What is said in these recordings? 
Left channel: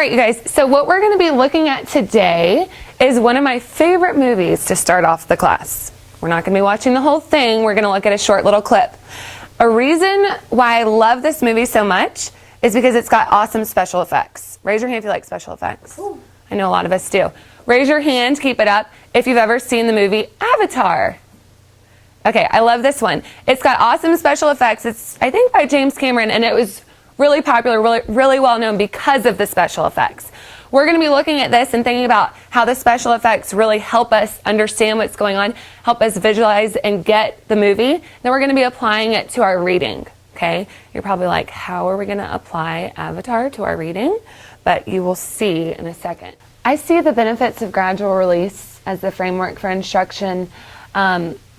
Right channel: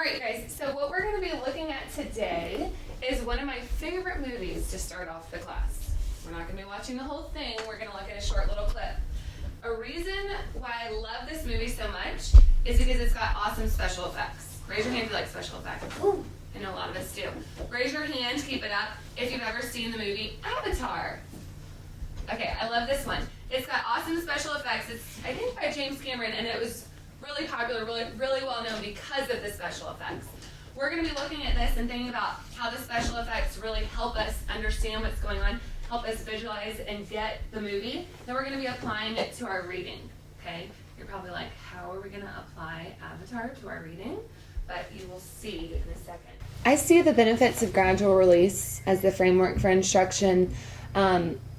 right, you guys, so what we're going to be looking at today is one of my favorite movies to start off the class. We're not going to be watching the whole thing. We're going to look at a short little clip. A reason why I love this movie so much is because it's got awesome special effects. Raise your hand if you like special effects. I know a lot of us do. Raise your hand, keep it up, if you've ever seen the movie Avatar. Okay, I love this one. It's got awesome special effects. It's, I think, by James Cameron, and it was really popular, really well known because of the special effects. We're going to be looking at this and thinking about how the special effects really help us understand what's going on, help us visualize and get the movie. Then we're going to be applying it to our reading, okay? You're probably like, how are we going to apply Avatar to our reading? But you will see in a second. I see the benefits of gradual release as the framework for instruction,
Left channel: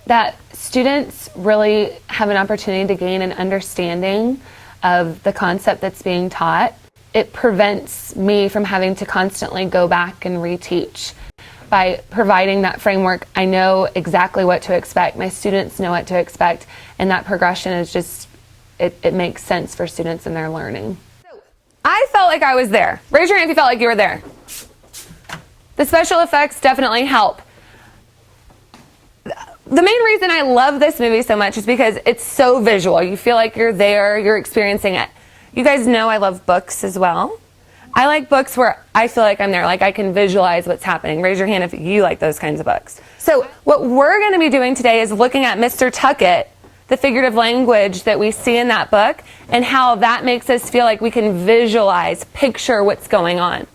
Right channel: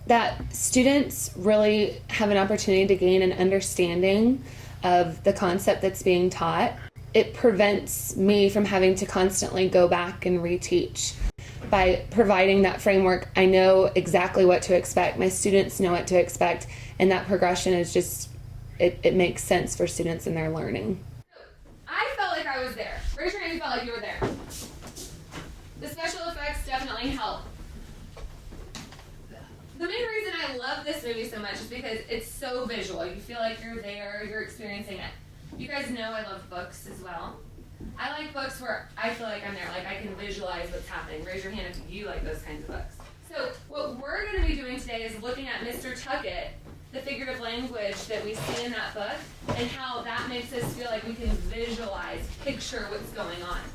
that students really have an opportunity to gain an understanding of the concept that's being taught. It prevents me from having to constantly go back and reteach. By providing that framework, I know exactly what to expect. My students know what to expect, and that progression is just, it makes sense for students in their learning. I felt like I was there. Raise your hand if you felt like you were there. The special effects definitely help. The main reason I love this movie so much is because it's so visual. You feel like you're there, you're experiencing it. You guys know I love books as well. I like books where I feel like I'm there, like I can visualize what's happening. Raise your hand if you like those kinds of books. So what we're going to be doing today is looking at Mr. Tuckett, the figurative language that we see in that book, and how that makes us feel like we can visualize, picture what's going on.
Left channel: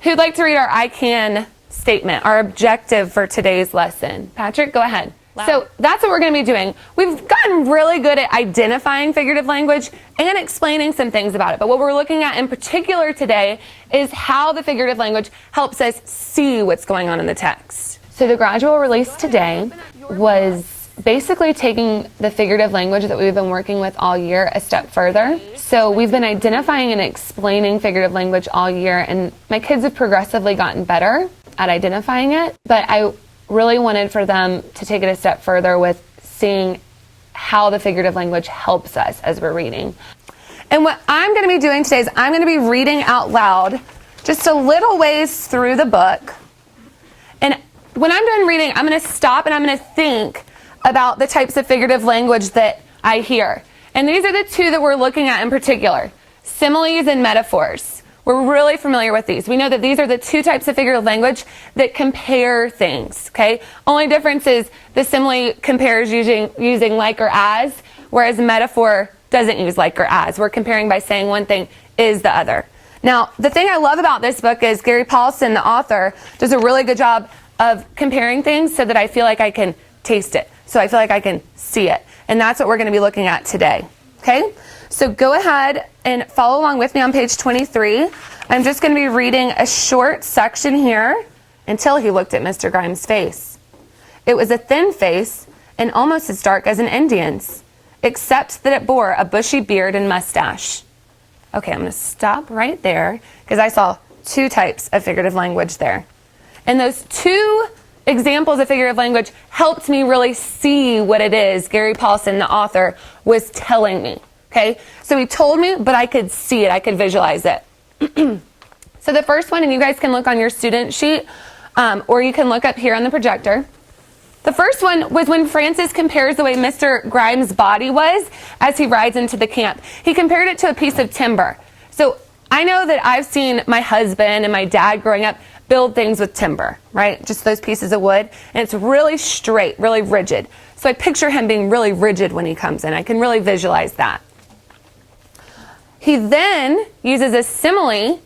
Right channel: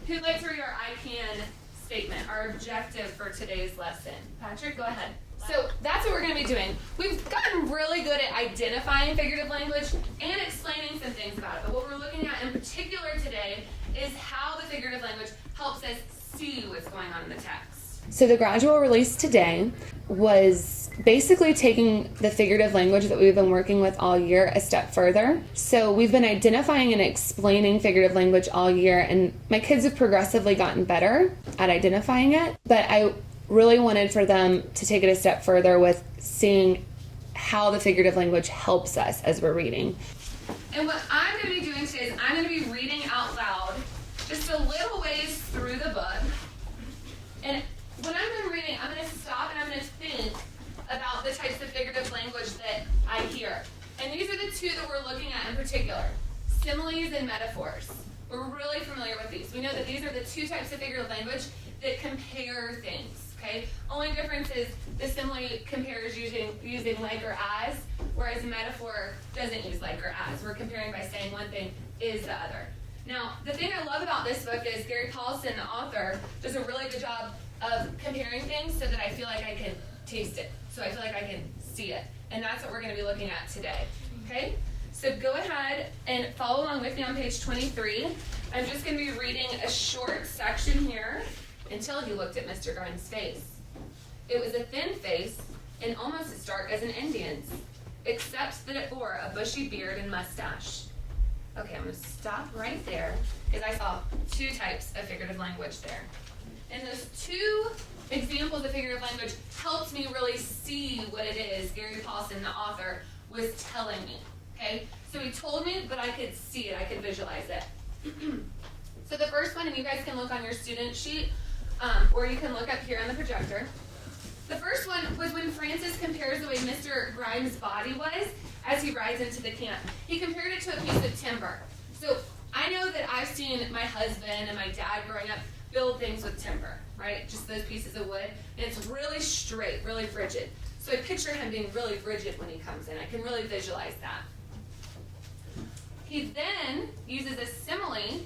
Who'd like to read our I can statement, our objective for today's lesson? Patrick, go ahead. So that's what we're going to be doing. We've gotten really good at identifying figurative language and explaining some things about it. But what we're looking at in particular today is how the figurative language helps us see what's going on in the text. So the gradual release today was basically taking the figurative language that we've been working with all year a step further. So we've been identifying and explaining figurative language all year, and my kids have progressively gotten better at identifying it. But I really wanted for them to take it a step further with seeing how the figurative language helps us as we're reading. And what I'm going to be doing today is I'm going to be reading out loud just a little ways through the book. And when I'm done reading, I'm going to stop and I'm going to think about the types of figurative language that I hear. And these are the two that we're looking at in particular: similes and metaphors. We're really familiar with these. We know that these are the two types of figurative language that compare things, okay? Only difference is the simile compares using like or as, whereas metaphor doesn't use like or as. We're comparing by saying one thing is the other. Now, the thing I love about this book is Gary Paulson, the author, does a really good job of comparing things so that I feel like I can taste it, so I feel like I can see it. And that's what we're going to be looking at today, okay? So go ahead and follow along with me on page 23. I'm just going to be reading a short section here until he looked at Mr. Grimes' face. It was a thin face and almost as dark as an Indian's, except that it bore a bushy beard and mustache. Okay, I'm going to stop right there because I saw two types of figurative language there. And those two examples of figurative language helped me really see what it is Gary Paulson, the author, was telling me. Okay, so he told me, but I could see it, I could visualize it. So the first one, and you guys can look on your student sheet, or you can look up here on the projector. The first one was when Francis compares the way Mr. Grimes' body was as he rides into the camp. He compared it to a piece of timber. So I know that I've seen my husband and my dad growing up build things with timber, right? Just those pieces of wood, and it's really straight, really rigid. So I picture him being really rigid when he comes in. I can really visualize that. He then uses a simile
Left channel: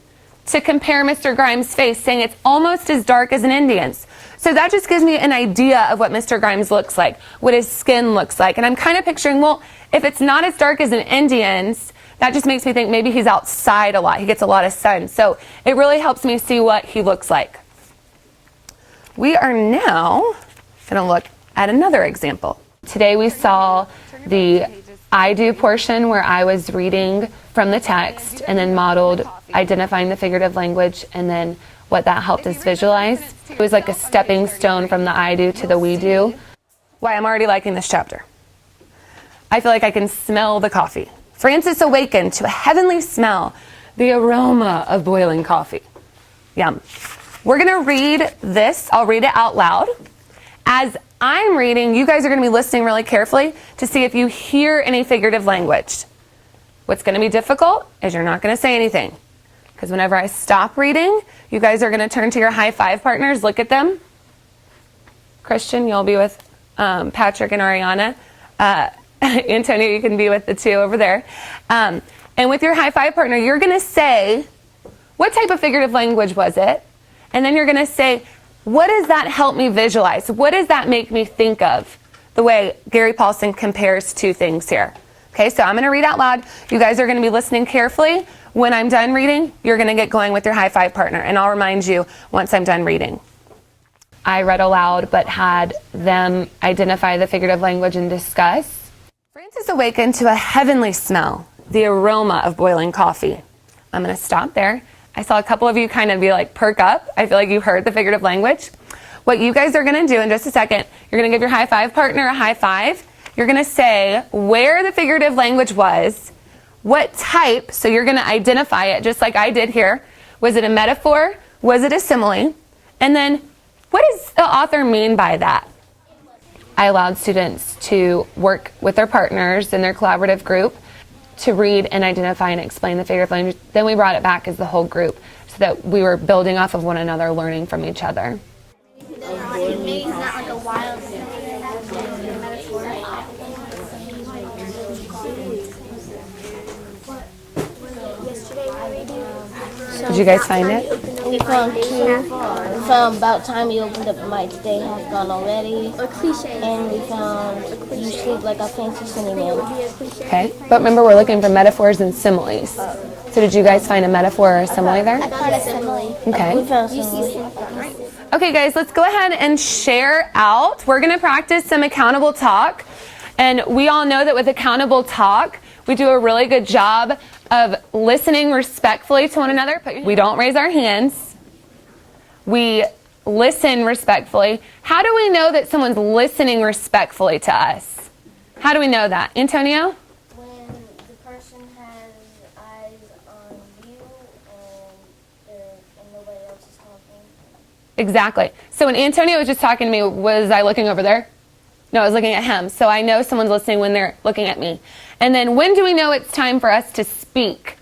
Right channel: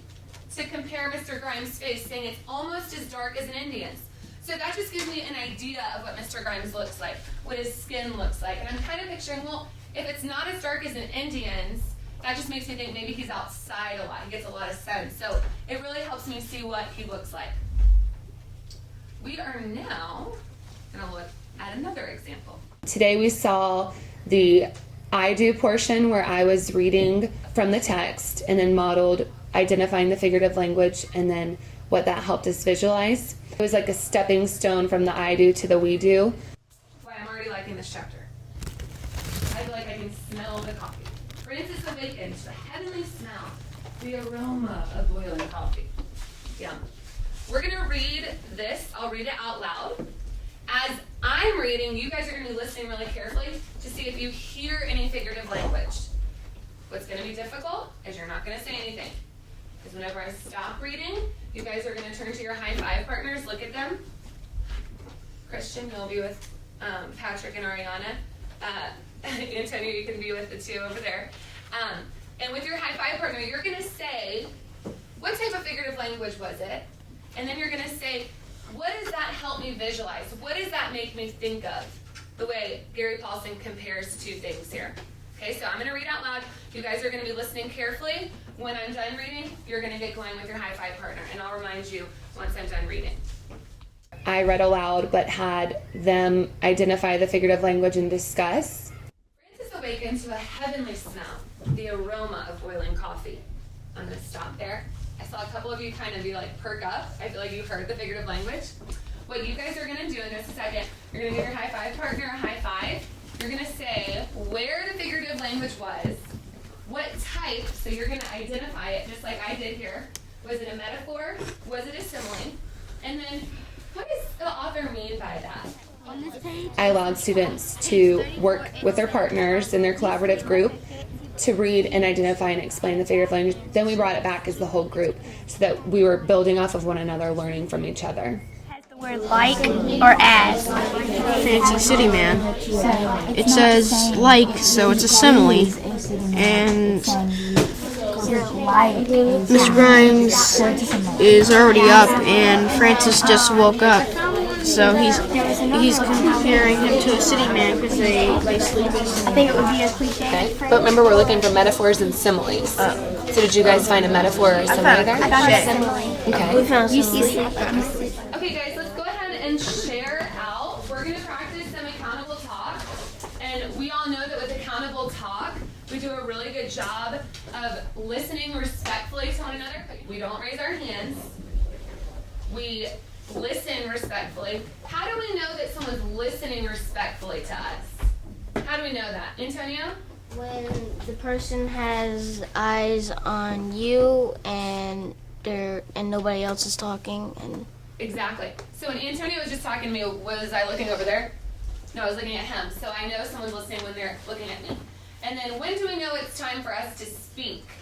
to compare Mr. Grimes' face, saying it's almost as dark as an Indian's. So that just gives me an idea of what Mr. Grimes looks like, what his skin looks like. And I'm kind of picturing, well, if it's not as dark as an Indian's, that just makes me think maybe he's outside a lot. He gets a lot of sun. So it really helps me see what he looks like. We are now going to look at another example. Today we saw the I do portion where I was reading from the text and then modeled identifying the figurative language and then what that helped us visualize. It was like a stepping stone from the I do to the we do. Why, I'm already liking this chapter. I feel like I can smell the coffee. Francis awakened to a heavenly smell. The aroma of boiling coffee. Yum. We're gonna read this. I'll read it out loud. As I'm reading, you guys are gonna be listening really carefully to see if you hear any figurative language. What's gonna be difficult is you're not gonna say anything. Because whenever I stop reading, you guys are gonna turn to your high five partners, look at them. Christian, you'll be with Patrick and Ariana. Antonio, you can be with the two over there. And with your high five partner, you're gonna say, what type of figurative language was it? And then you're gonna say, what does that help me visualize? What does that make me think of? The way Gary Paulson compares two things here. Okay, so I'm gonna read out loud. You guys are gonna be listening carefully. When I'm done reading, you're gonna get going with your high five partner, and I'll remind you once I'm done reading. I read aloud, but had them identify the figurative language and discuss. Francis awakened to a heavenly smell, the aroma of boiling coffee. I'm gonna stop there. I saw a couple of you kind of be like, perk up. I feel like you heard the figurative language. What you guys are gonna do in just a second, you're gonna give your high five partner a high five. You're gonna say where the figurative language was, what type, so you're gonna identify it just like I did here. Was it a metaphor? Was it a simile? And then, what does the author mean by that? I allowed students to work with their partners in their collaborative group to read and identify and explain the figurative language. Then we brought it back as the whole group so that we were building off of one another, learning from each other. Has the word like or as? Fancy City Man. It says like, so it's a simile. And Mr. Grimes Did you guys find it? is already up, and Francis just woke up. So he's comparing him to a city man because they sleep. I think it would be a cliche. Okay, but remember we're looking for metaphors and similes. So did you guys find a metaphor or a simile there? I found a simile. Okay. You sleep. Okay guys, let's go ahead and share out. We're gonna practice some accountable talk. And we all know that with accountable talk, we do a really good job of listening respectfully to one another. We don't raise our hands. We listen respectfully. How do we know that someone's listening respectfully to us? How do we know that? Antonio? When the person has eyes on you and nobody else is talking. Exactly. So when Antonio was just talking to me, was I looking over there? No, I was looking at him. So I know someone's listening when they're looking at me. And then when do we know it's time for us to speak?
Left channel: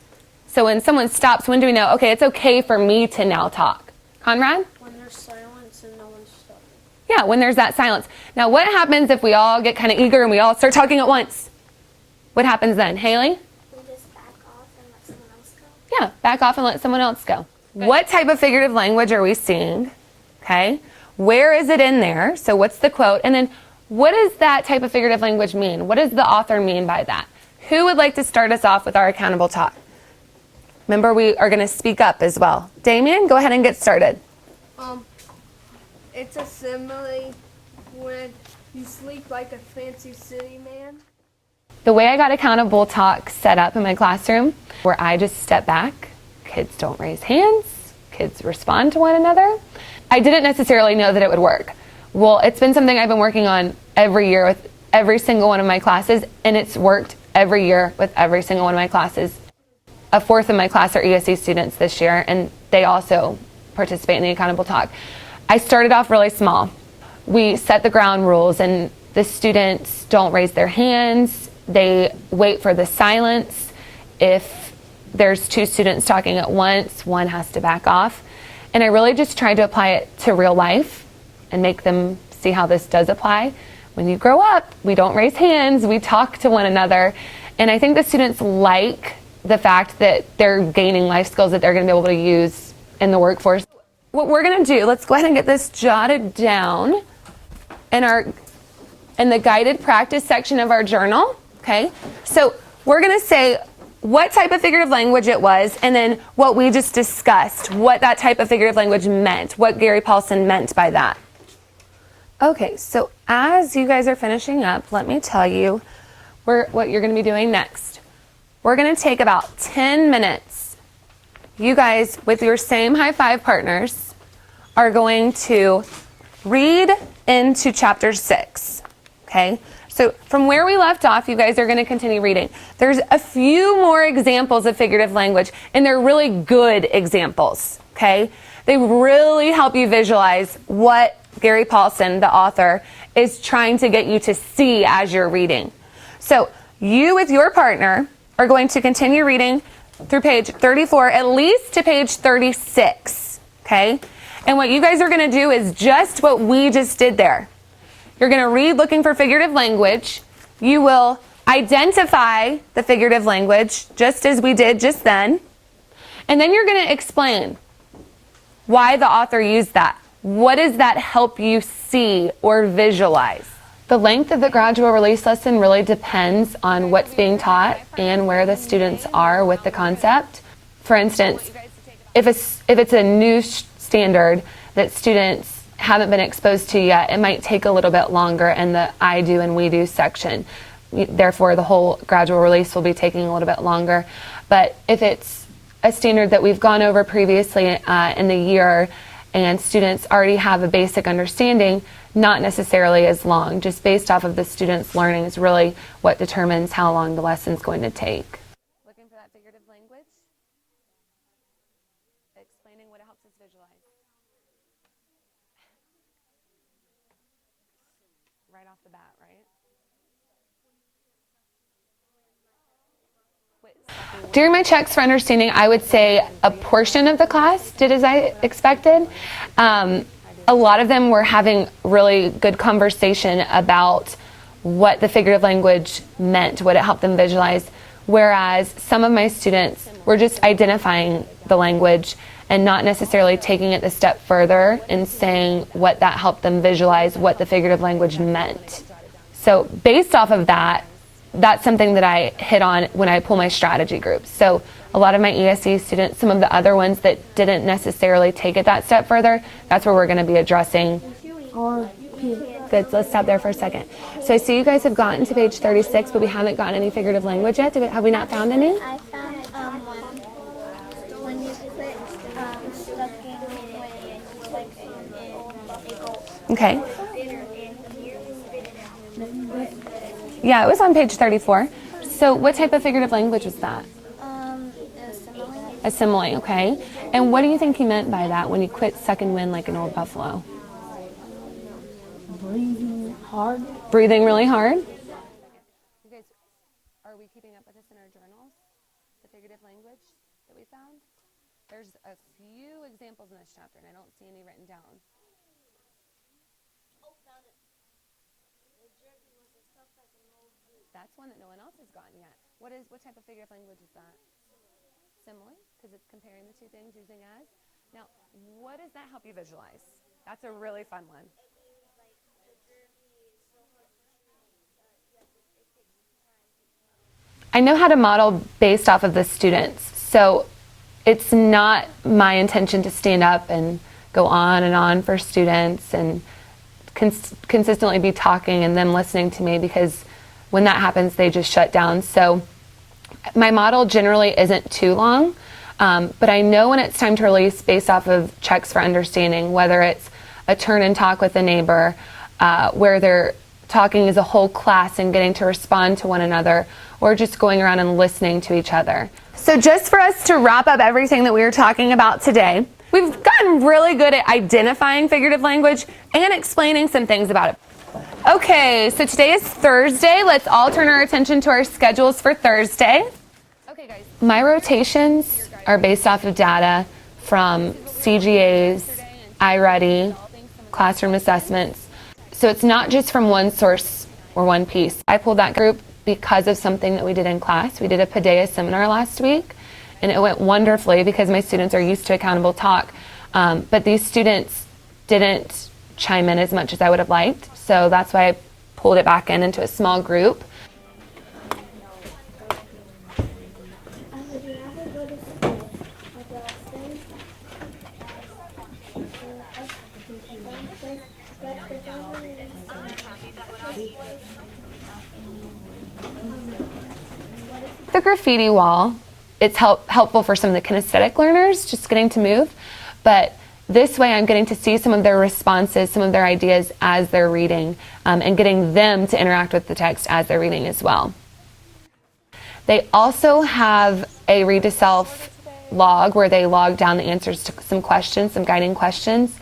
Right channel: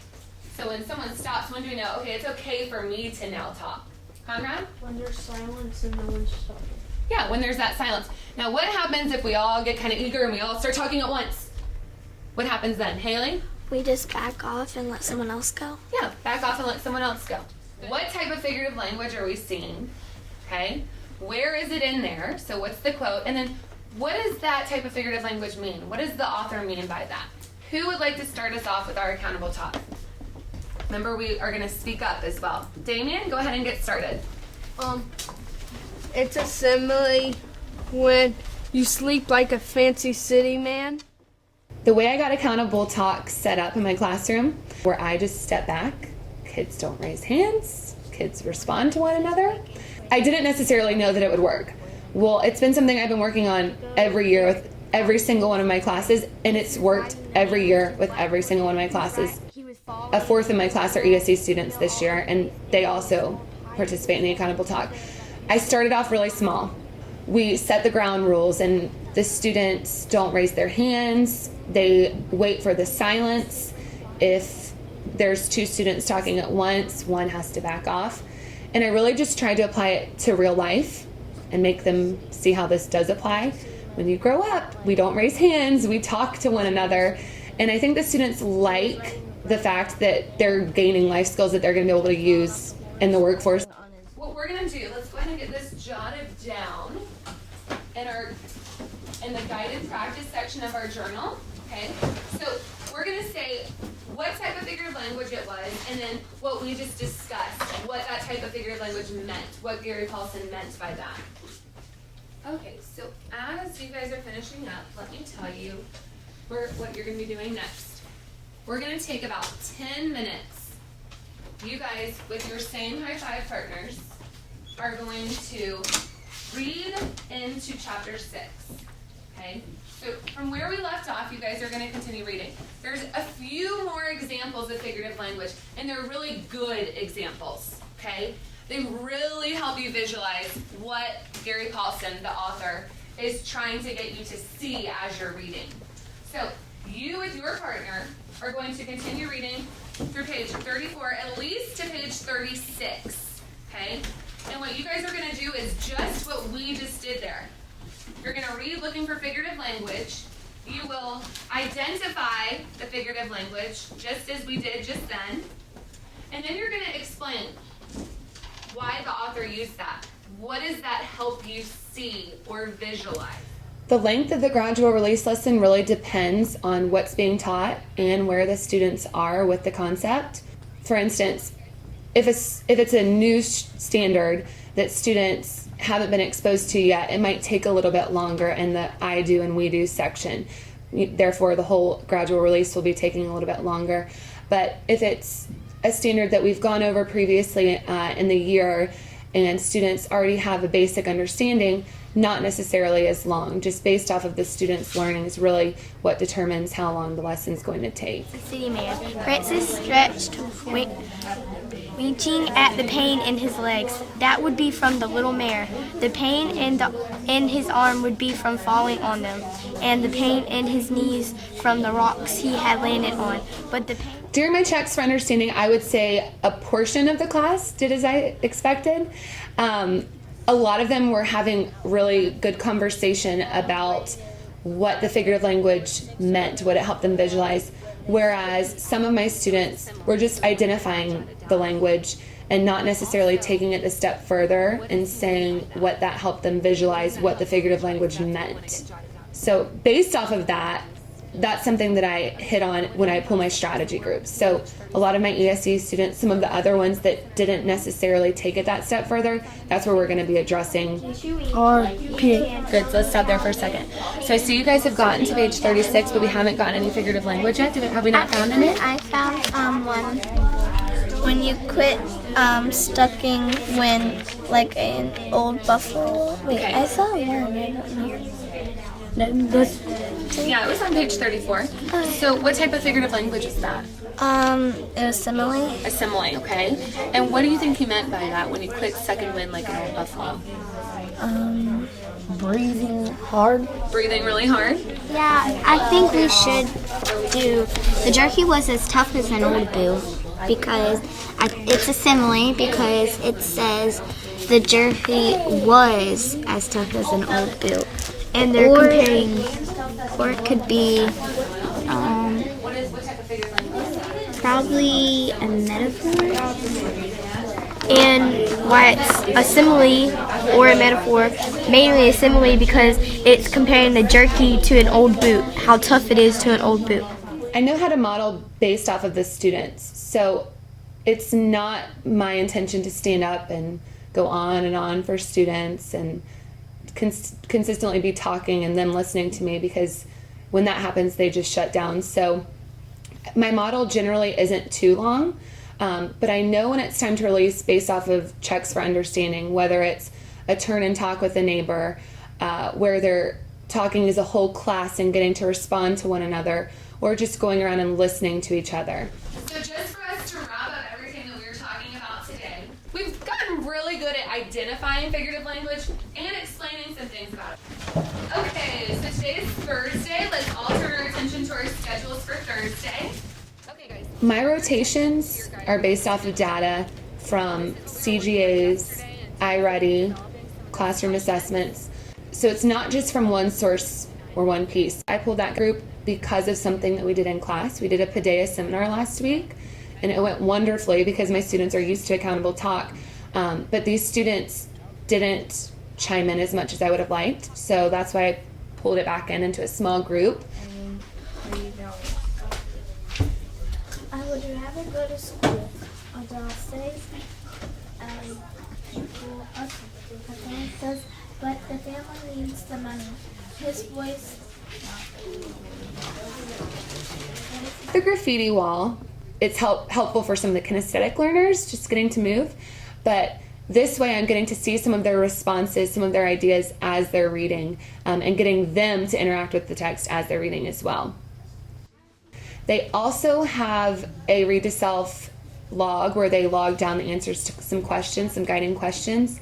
So when someone stops, when do we know, okay, it's okay for me to now talk? Conrad? When there's silence and no one's talking. Yeah, when there's that silence. Now what happens if we all get kind of eager and we all start talking at once? What happens then? Haley? We just back off and let someone else go. Yeah, back off and let someone else go. What type of figurative language are we seeing? Okay, where is it in there? So what's the quote? And then what does that type of figurative language mean? What does the author mean by that? Who would like to start us off with our accountable talk? Remember, we are going to speak up as well. Damien, go ahead and get started. It's a simile when you sleep like a fancy city man. The way I got accountable talk set up in my classroom, where I just step back, kids don't raise hands, kids respond to one another. I didn't necessarily know that it would work. Well, it's been something I've been working on every year with every single one of my classes, and it's worked every year with every single one of my classes. A fourth of my class are ESE students this year, and they also participate in the accountable talk. I started off really small. We set the ground rules, and the students don't raise their hands. They wait for the silence. If there's two students talking at once, one has to back off. And I really just tried to apply it to real life and make them see how this does apply. When you grow up, we don't raise hands, we talk to one another. And I think the students like the fact that they're gaining life skills that they're gonna be able to use in the workforce. What we're gonna do, let's go ahead and get this jotted down in the guided practice section of our journal, okay? So we're gonna say what type of figurative language it was, and then what we just discussed, what that type of figurative language meant, what Gary Paulson meant by that. Okay, so as you guys are finishing up, let me tell you what you're gonna be doing next. We're gonna take about 10 minutes. You guys, with your same high five partners, are going to read into chapter 6, okay? So from where we left off, you guys are going to continue reading. There's a few more examples of figurative language, and they're really good examples, okay? They really help you visualize what Gary Paulson, the author, is trying to get you to see as you're reading. So you with your partner are going to continue reading through page 34, at least to page 36, okay? And what you guys are going to do is just what we just did there. You're going to read looking for figurative language. You will identify the figurative language just as we did just then. And then you're going to explain why the author used that. What does that help you see or visualize? The length of the gradual release lesson really depends on what's being taught and where the students are with the concept. For instance, if it's a new standard that students haven't been exposed to yet, it might take a little bit longer in the I do and we do section. Therefore, the whole gradual release will be taking a little bit longer. But if it's a standard that we've gone over previously in the year and students already have a basic understanding, not necessarily as long. Just based off of the students' learning is really what determines how long the lesson's going to take. City man. Francis stretched, reaching at the pain in his legs. That would be from the little mare. The pain in his arm would be from falling on them, and the pain in his knees from the rocks he had landed on. During my checks for understanding, I would say a portion of the class did as I expected. A lot of them were having really good conversation about what the figurative language meant, what it helped them visualize, whereas some of my students were just identifying the language and not necessarily taking it a step further and saying what that helped them visualize, what the figurative language meant. So based off of that, that's something that I hit on when I pull my strategy groups. So a lot of my ESE students, some of the other ones that didn't necessarily take it that step further, that's where we're going to be addressing. Good, so let's stop there for a second. So I see you guys have gotten to page 36, but we haven't gotten any figurative language yet. Have we not found any? I found one. When you quit stucking when like an old buffalo. Okay. I saw one. Yeah, it was on page 34. So what type of figurative language is that? It was simile. A simile, okay. And what do you think he meant by that when you quit second wind like an old buffalo? Breathing hard. Breathing really hard? Yeah, I think we should do. The jerky was as tough as an old boot because it's a simile because it says the jerky was as tough as an old boot. And they're comparing. Or it could be probably a metaphor. And why it's a simile or a metaphor, mainly a simile because it's comparing the jerky to an old boot, how tough it is to an old boot. I know how to model based off of the students. So it's not my intention to stand up and go on and on for students and consistently be talking and them listening to me, because when that happens, they just shut down. So my model generally isn't too long, but I know when it's time to release based off of checks for understanding, whether it's a turn and talk with a neighbor, where they're talking as a whole class and getting to respond to one another, or just going around and listening to each other. So just for us to wrap up everything that we were talking about today, we've gotten really good at identifying figurative language and explaining some things about it. Okay, so today is Thursday. Let's all turn our attention to our schedules for Thursday. Okay, guys. My rotations are based off of data from CGAs, iReady, classroom assessments. So it's not just from one source or one piece. I pulled that group because of something that we did in class. We did a Paideia seminar last week, and it went wonderfully because my students are used to accountable talk. But these students didn't chime in as much as I would have liked, so that's why I pulled it back into a small group. I would rather go to school. Adele says, but the family needs the money. His voice. The graffiti wall, it's helpful for some of the kinesthetic learners, just getting to move, but This way I'm getting to see some of their responses, some of their ideas as they're reading, and getting them to interact with the text as they're reading as well. They also have a read to self log where they log down the answers to some questions, some guiding questions.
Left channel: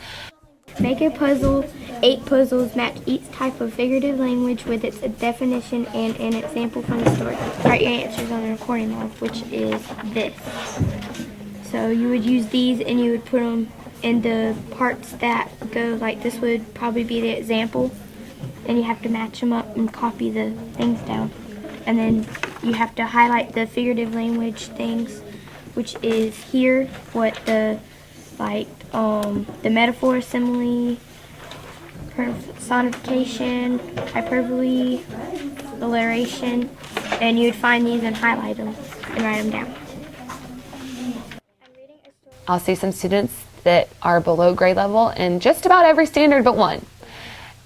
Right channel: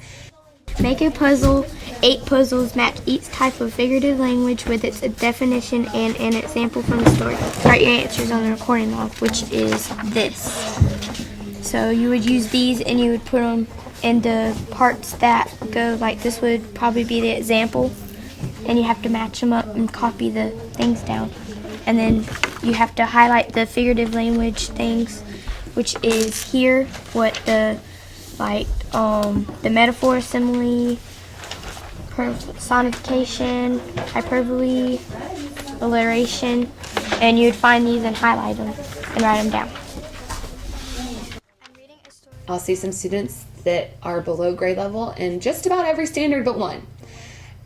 Make a puzzle. 8 puzzles match each type of figurative language with its definition and an example from the story. Write your answers on the recording log, which is this. So you would use these and you would put them in the parts that go, like this would probably be the example, and you have to match them up and copy the things down. And then you have to highlight the figurative language things, which is here, what the metaphor, simile, personification, hyperbole, alliteration, and you'd find these and highlight them and write them down. I'll see some students that are below grade level in just about every standard but one.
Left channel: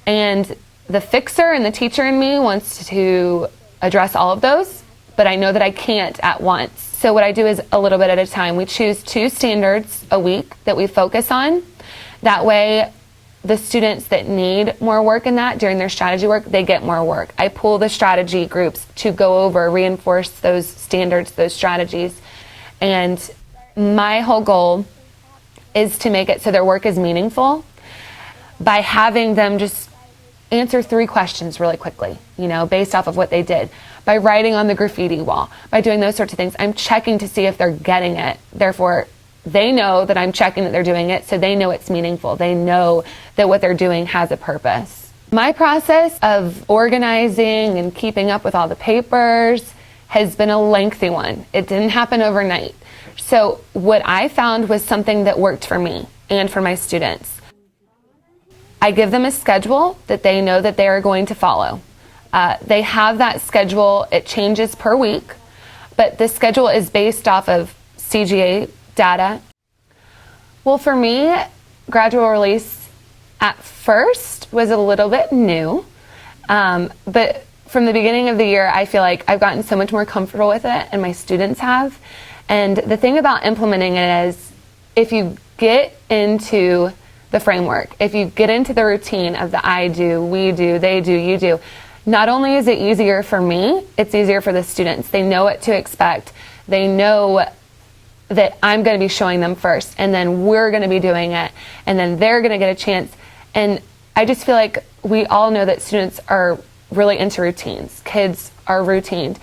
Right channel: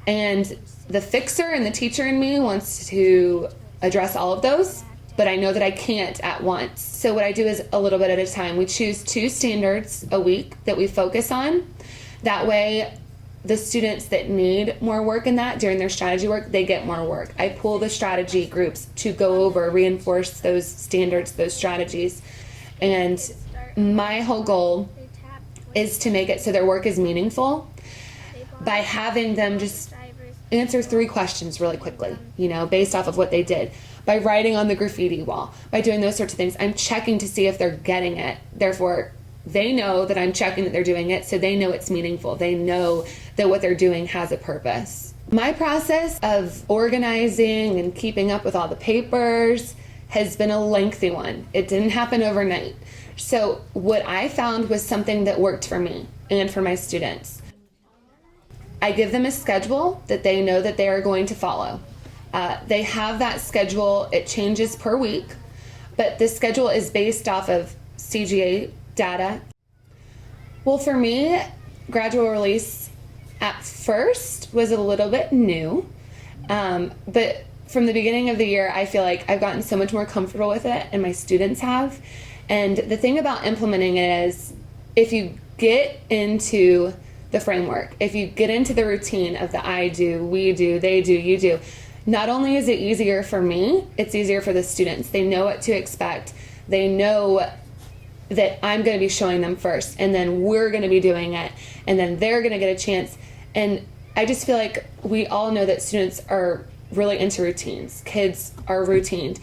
And the fixer and the teacher in me wants to address all of those, but I know that I can't at once. So what I do is a little bit at a time. We choose 2 standards a week that we focus on. That way, the students that need more work in that during their strategy work, they get more work. I pull the strategy groups to go over, reinforce those standards, those strategies. And my whole goal is to make it so their work is meaningful by having them just answer 3 questions really quickly, based off of what they did. By writing on the graffiti wall, by doing those sorts of things. I'm checking to see if they're getting it. Therefore, they know that I'm checking that they're doing it, so they know it's meaningful. They know that what they're doing has a purpose. My process of organizing and keeping up with all the papers has been a lengthy one. It didn't happen overnight. So what I found was something that worked for me and for my students. I give them a schedule that they know that they are going to follow. They have that schedule. It changes per week, but the schedule is based off of CGA data. Well, for me, gradual release at first was a little bit new, but from the beginning of the year, I feel like I've gotten so much more comfortable with it, and my students have. And the thing about implementing it is, if you get into the framework, if you get into the routine of the I do, we do, they do, you do, not only is it easier for me, it's easier for the students. They know what to expect. They know that I'm going to be showing them first, and then we're going to be doing it, and then they're going to get a chance. And I just feel like we all know that students are really into routines. Kids are routined.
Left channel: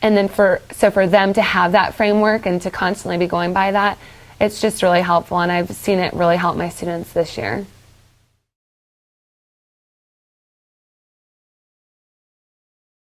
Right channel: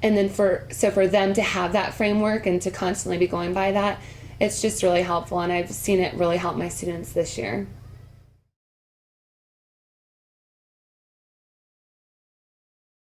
And then for them to have that framework and to constantly be going by that, it's just really helpful, and I've seen it really help my students this year.